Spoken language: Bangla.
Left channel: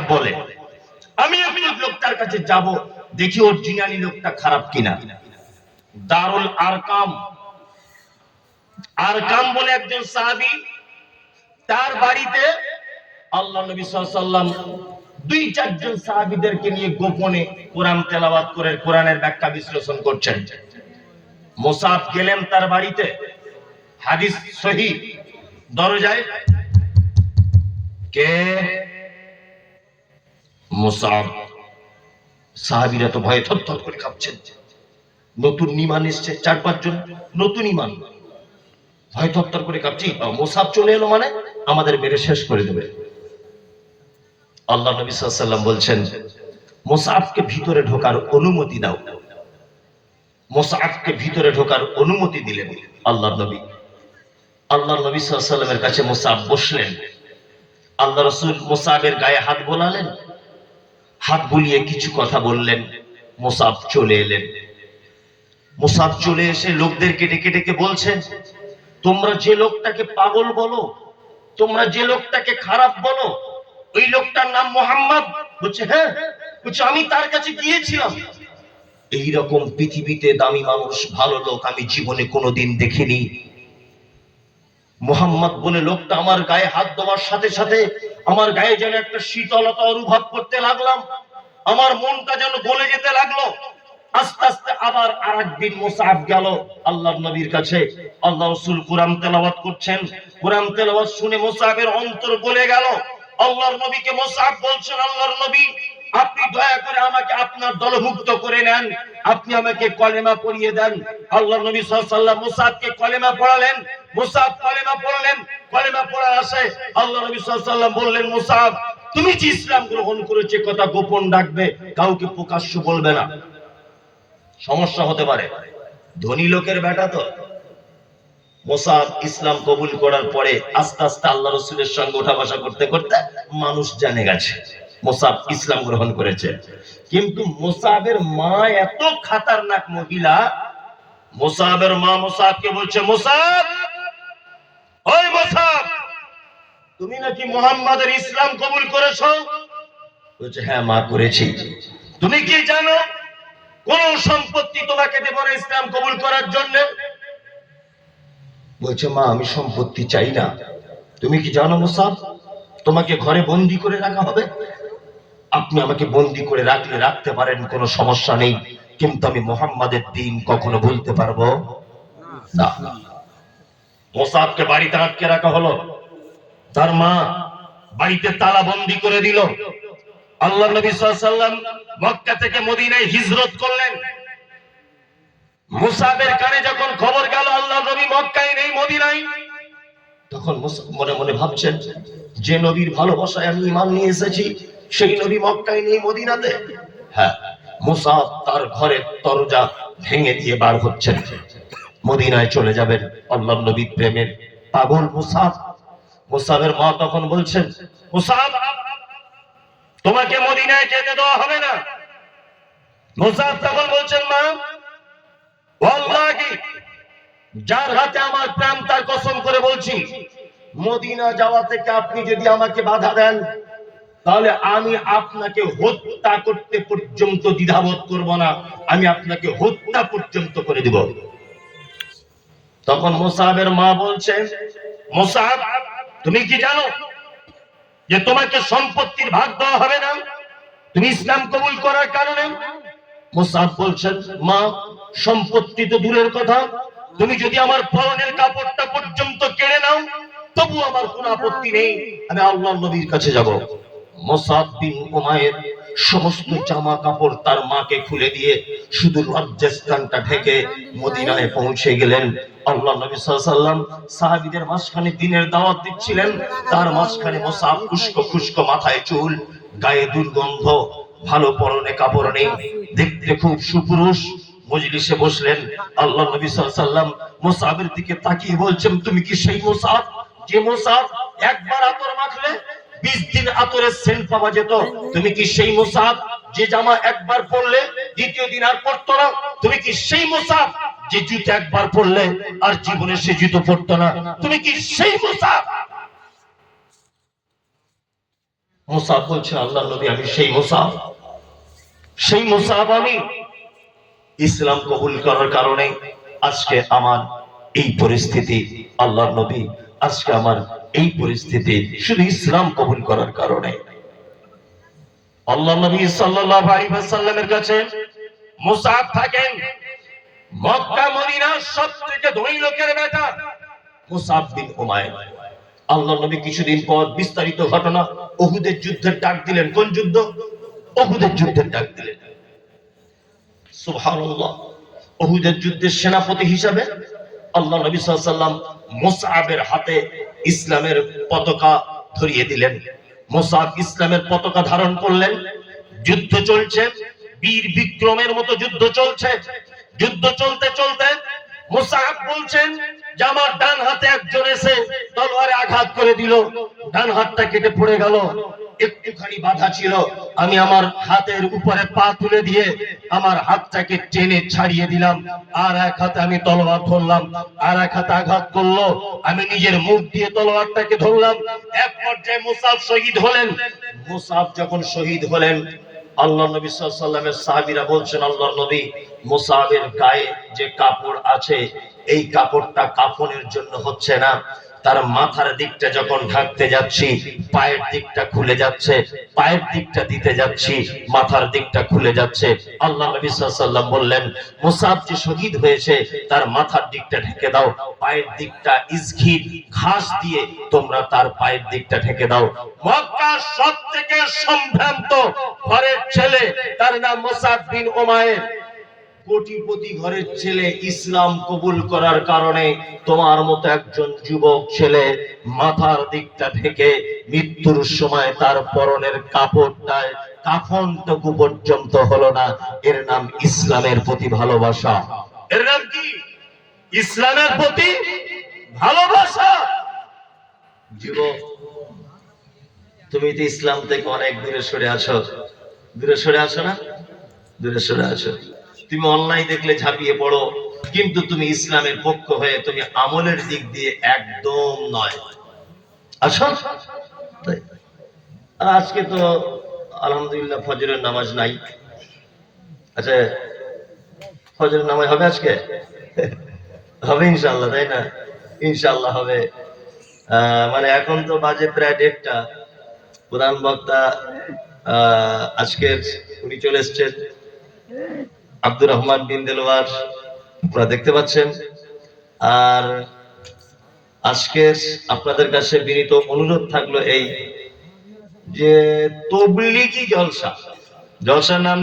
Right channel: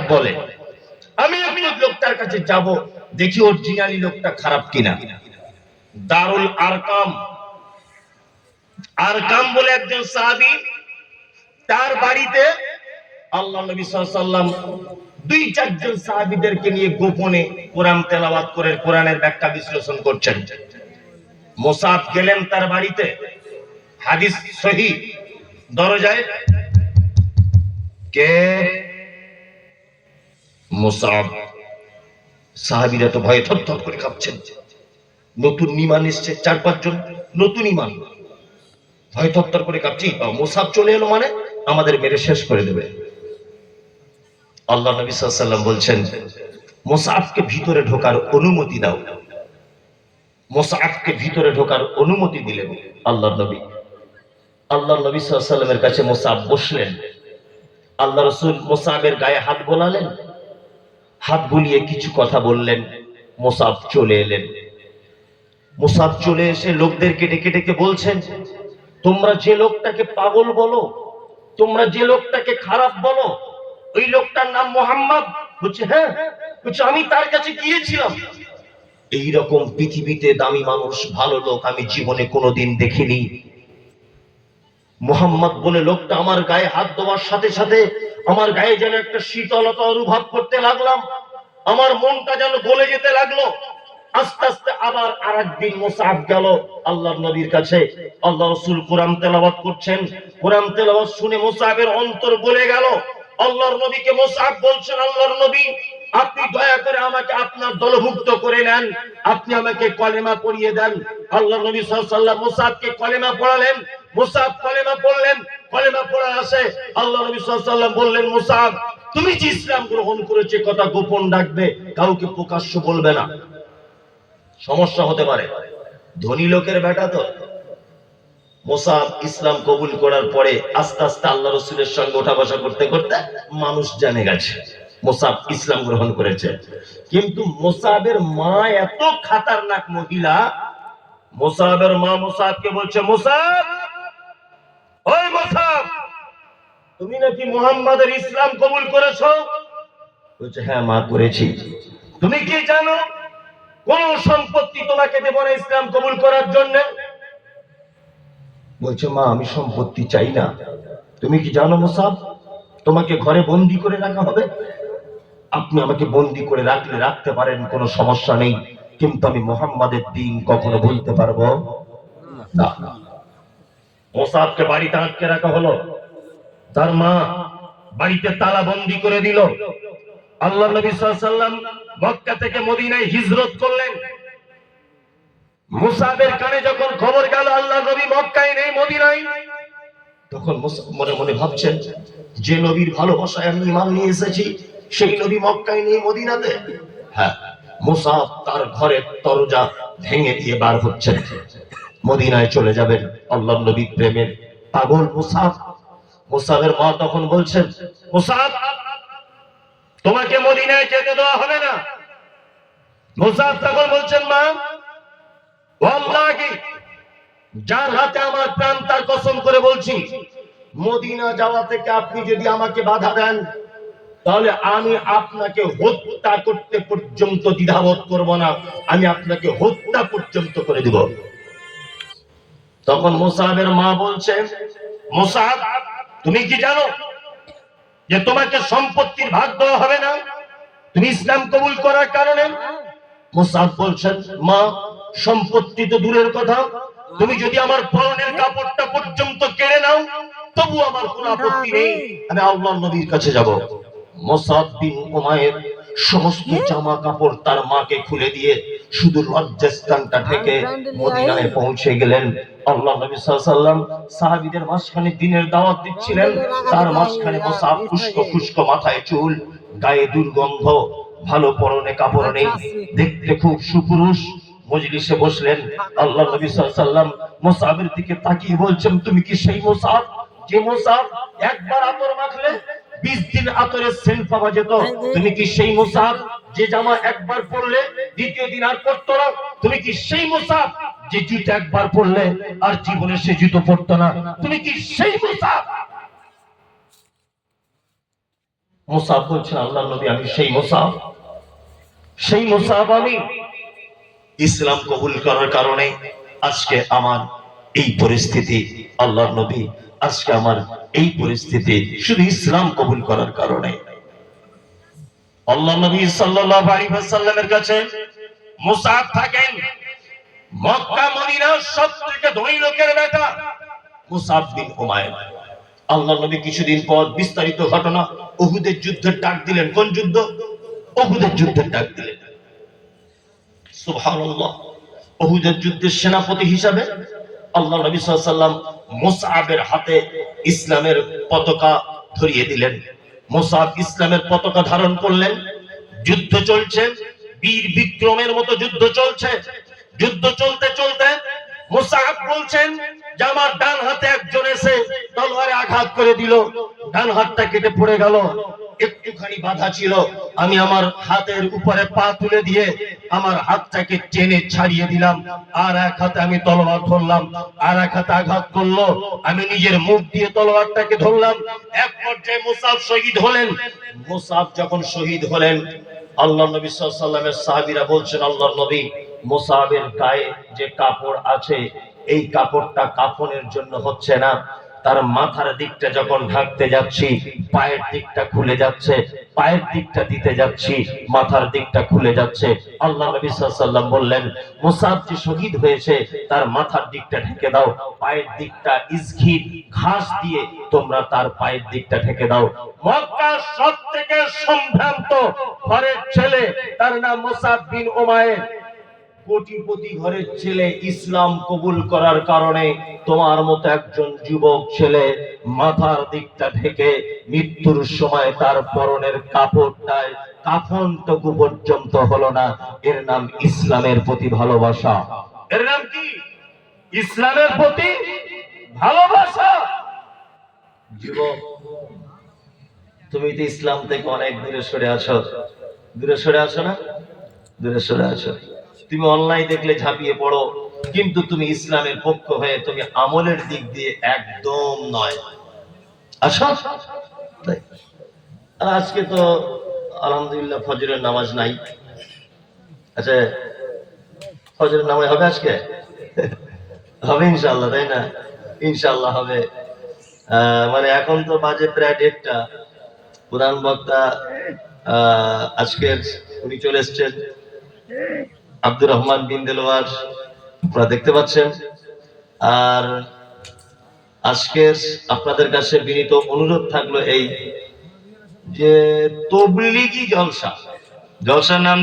খারাপ বলে। আমি লোকটার কাছে যাব, দেখি অরিজিনালি লোকটা খারাপ কিনা। দারুল আরকাম, আরকাম বলে একজন সাহাবী, তার বাড়িতে আল্লাহ নবী সাল্লাল্লাহু আলাইহি ওয়াসাল্লাম দুই চারজন সাহাবীদেরকে নিয়ে গোপনে কোরআন তেলাওয়াত করে কোরআনের ব্যাখ্যা বিশ্লেষণ করছেন। মুসআব গেলেন তার বাড়িতে, হাদিস সহিহ। দরজায় কে? মুসআব। সাহাবীরা তো ভয়ে থরথর করে কাঁপছেন। নতুন ঈমান এসেছে, 4-5 জন নতুন ঈমান, ভয় থরথর করে কাঁপছি। মুসআব চলে এলো মানে আমাদের মেরে শেষ করে দেবে। আল্লাহ নবী সাল্লাল্লাহু আলাইহি ওয়াসাল্লাম বলছেন, মুসআবকে ভিতরে ঢোকার অনুমতি দাও। মুসআবকে ভিতরে ঢোকার অনুমতি দিলেন আল্লাহর নবী। আল্লাহর নবী সাল্লাল্লাহু আলাইহি ওয়াসাল্লামের কাছে মুসআব বসলেন। আল্লাহ রাসূল মুসআবের গায়ে হাত বোলালেন, হাত বুলিয়ে কিছু কথা বললেন। মুসআব চলে এলেন। মুসআব চলে এসে লোকদেরকে ডেকে ডেকে বলছেন, তোমরা যে লোকটাকে পাগল বলো, তোমরা যে লোকটাকে খারাপ বলো, ওই লোকটার নাম মুহাম্মদ? বলছে হ্যাঁ। বলছে আমি তার কাছে গিয়েছিলাম। এইরকম পৃথিবীতে দামি মানুষ, ভালো লোক আমি জীবনে কোনোদিন দেখিনি। মুহাম্মদ বলে লোকটা আমার গায়ে হাত দেওয়ার সাথে সাথে আমার গায়ে যেন একটা শীতলতা অনুভব করতে লাগলাম, আমার মনটা যেন গলে যেতে লাগলো। আস্তে আস্তে আবার আরেকদিন মুসআব গেল আল্লাহর নবীর কাছে। আল্লাহ রাসূল কোরআন তেলাওয়াত করছেন। কোরআন তেলাওয়াত শুনে মুসআবের অন্তর গলে গেল। আল্লাহর নবীকে মুসআব বলছেন, আল্লাহর নবী আপনি দয়া করে আমাকে আপনার দলভুক্ত করে নেন, আপনি আমাকে কলেমা পড়িয়ে দেন। আল্লাহর নবী সাল্লাল্লাহু আলাইহি ওয়াসাল্লাম মুসআবকে কলেমা পড়ালেন। মুসআব কলেমা পড়লেন। কলেমা পড়ার আসে আল্লাহর নবী সাল্লাল্লাহু আলাইহি ওয়াসাল্লাম বললেন, মুসআব তুমি যে ইসলাম গ্রহণ করেছে কথা গোপন রাখবে, কাউকে প্রকাশ্য বলবে না, সমস্যা হতে পারে। ধনী লোকের বেটা তো। মুসআব ইসলাম কবুল করার পরে আস্তে আস্তে আল্লাহ রাসূলের সঙ্গে ওঠা বসা করতে করতে মানুষ জেনে গেছে মুসআব ইসলাম গ্রহণ করেছে। কিন্তু মুসআবের মা এত খতরনাক মহিলা, মুসআবের মা মুসআবকে বলছে, মুসআব, ওই মুসআব, তুমি নাকি মুহাম্মাদের ইসলাম কবুল করেছো? বলছে হ্যাঁ মা করেছি। তুমি কি জানো কোন সম্পত্তি তোমাকে দেব না ইসলাম কবুল করার জন্য? বলছে মা আমি সম্পত্তি চাই না। তুমি কি জানো মুসআব তোমাকে ঘরে বন্দি করে রাখা হবে? আপনি আমাকে বন্দি করে রাখলে রাখতে পারেন, কোনো সমস্যা নেই, কিন্তু আমি মুহাম্মাদের দ্বীন কখনো ভুলতে পারবো না। মুসআবকে বাড়িতে আটকে রাখা হলো। তার মা বাড়িতে তালা বন্দি করে দিল। আল্লাহ নবী সাল্লাল্লাহু আলাইহি ওয়াসাল্লাম মক্কা থেকে মদিনায় হিজরত করলেন। মুসআবের কানে যখন খবর গেল আল্লাহ নবী মক্কায় নেই, মদিনায়, তখন মুসআব মনে মনে ভাবছেন, যে নবীর ভালোবাসায় আমি ঈমান নিয়ে এসেছি সেই নবী মক্কায় নেই, মদিনাতে। হ্যাঁ, মুসআব তার ঘরের দরজা ভেঙে দিয়ে বার হচ্ছেন, মদিনায় চলে যাবেন। আল্লাহর নবীর প্রেমের পাগল মুসআব। মুসআবের মা তখন বলছেন, মুসআব তোমাকে মদিনায় যেতে দেওয়া হবে না। মুসআব তখন বলছেন, মা ওয়াল্লাহি যার হাতে আমার প্রাণ তার কসম করে বলছি, মদিনা যাওয়া থেকে আপনি যদি আমাকে বাধা দেন তাহলে আমি আপনাকে হত্যা করতে পর্যন্ত দ্বিধাবোধ করব না, আমি আপনাকে হত্যা পর্যন্ত করে দিব। তখন মুসআবের মা বলছেন, মুসআব তুমি কি জানো যে তোমাকে সম্পত্তির ভাগ দেওয়া হবে না তুমি ইসলাম কবুল করার কারণে? মুসআব বলছেন, মা সম্পত্তি তো দূরের কথা, তুমি যদি আমার পরনের কাপড়টা পর্যন্ত কেড়ে নাও তবু আমার কোনো আপত্তি নেই, আমি আল্লাহর নবীর কাছে যাব। মুসআব বিন উমাইর সমস্ত জামা কাপড় তার মাকে খুলে দিয়ে শুধু লজ্জাস্থানটা ঢেকে মদিনায় পৌঁছে গেলেন। আল্লাহ নবী সাল্লাল্লাহু আলাইহি ওয়াসাল্লাম সাহাবীদের মাঝখানে দ্বীনের দাওয়াত দিচ্ছিলেন, তার মাঝখানে মুসআব খুশকো খুশকো মাথায় চুল, গায়ে দুর্গন্ধ, ভালো পরনে কাপড় নেই, দেখতে খুব সুপুরুষ। মজলিসে বসলেন। আল্লাহ নবী সাল্লাল্লাহু আলাইহি ওয়াসাল্লাম মুসআবের দিকে তাকিয়ে বলছেন, তুমি কি সেই মুসআব যে মুসআব একবার আতর মাখলে 20 দিন আতরের সেন্ট পাওয়া যেত? তুমি কি সেই মুসআব যে জামা একবার পরলে দ্বিতীয় দিন আর পরতো না? তুমি কি সেই মুসআব যে জুতো একবার পরলে আর জীবনে সে জুতো পরতো না? তুমি কি সেই মুসআব? মুসাব বলছেন, আল্লাহ নবী আমি সেই মুসাব আমি ইসলাম কবুল করার কারণে আজকে আমার এই পরিস্থিতি। আল্লাহ নবী আজকে আমার এই পরিস্থিতি শুধু ইসলাম কবুল করার কারণে। আল্লাহ নবী সাল্লাল্লাহু আলাইহি ওয়াসাল্লামের কাছে মুসাব থাকেন মক্কা মদিনার সবথেকে ধনী লোকের বেটা মুসাব বিন উমাইর। আল্লাহ নবী কিছুদিন পর বিস্তারিত ঘটনা উহুদের যুদ্ধের ডাক দিলেন। কোন যুদ্ধ? উহুদের যুদ্ধের ডাক দিলেন। সুবহানাল্লাহ। উহুদের যুদ্ধের সেনাপতি হিসাবে আল্লাহ নবী সাল্লাল্লাহু আলাইহি ওয়াসাল্লাম মুসআবের হাতে ইসলামের পতাকা ধরিয়ে দিলেন। মুসআব ইসলামের পতাকা ধারণ করলেন। যুদ্ধ চলছে, বীর বিক্রমের মতো যুদ্ধ চলছে। যুদ্ধ চলতে চলতে মুসআব বলছেন যে আমার ডান হাতে একজন এসে তলোয়ারে আঘাত করে দিল, ডান হাতটা কেটে পড়ে গেল। একটুখানি বাধা ছিল, আমি আমার হাতের উপরে পা তুলে দিয়ে আমার হাতটাকে টেনে ছাড়িয়ে দিলাম। আর এক হাতে আমি তলোয়ার ধরলাম, আর এক হাতে আঘাত করলো, আমি নিজের মুখ দিয়ে তলোয়ারটাকে ধরলাম। এক পর্যায়ে মুসআব শহীদ হলেন। মুসআব যখন শহীদ হলেন, আল্লাহ নবী সাল্লাল্লাহু আলাইহি ওয়াসাল্লামের সাহাবীরা বলছেন, আল্লাহর নবী মুসআবের গায়ে যে কাপড় আছে এই কাপড়টা কাফনের জন্য হচ্ছে না, তার মাথার দিকটা যখন ঢাকতে যাচ্ছি পায়ের দিকটা খুলে যাচ্ছে, পায়ের দিকটা দিতে যাচ্ছি মাথার দিকটা খুলে যাচ্ছে। আল্লাহ নবী সাল্লাল্লাহু আলাইহি ওয়াসাল্লাম বললেন, মুসআব যে শহীদ হয়েছে তার মাথার দিকটা ঢেকে দাও, পায়ের দিকটা ইসঘির ঘাস দিয়ে তোমরা তার পায়ের দিকটা ঢেকে দাও। মক্কার সবথেকে সম্ভ্রান্ত ঘরের ছেলে, তার নাম মুসআব বিন উমাইর। কোটিপতি ঘরের ছেলে, ইসলাম কবুল করার কারণে তোমার মতো একজন যুবক ছেলে মাথার দিকটা ঢেকে মৃত্যুর সময় তার পরনের কাপড়টায় কাফনটুকু পর্যন্ত হলো না। এর নাম ইসলামের প্রতি ভালোবাসা। এর নাম কি? ইসলামের প্রতি ভালোবাসা। যুবক, তুমি তো ইসলাম থেকে অনেক দূরে সরে আছো। দূরে সরে আছো না? দূরে সরে আছো। তুমি অন্যায় দেখলে ঝাঁপিয়ে পড়ো, কিন্তু তুমি ইসলামের পক্ষ হয়ে তুমি আমলের দিক দিয়ে একদম নয়। আসো। আর আজকে তো আলহামদুলিল্লাহ ফজরের নামাজ নাই। আচ্ছা, ফজরের নামাজ হবে আজকে? হবে ইনশাআল্লাহ, তাই না? ইনশাআল্লাহ হবে। মানে এখন তো বাজে প্রায় 1:30টা। প্রধান বক্তা আজকের উনি চলে এসছেন, আব্দুর রহমান বিন দেলোয়ার, আপনারা দেখতে পাচ্ছেন। আর আজকের আপনাদের কাছে বিনীত অনুরোধ থাকলো এই যে তবলিগি জলসার নাম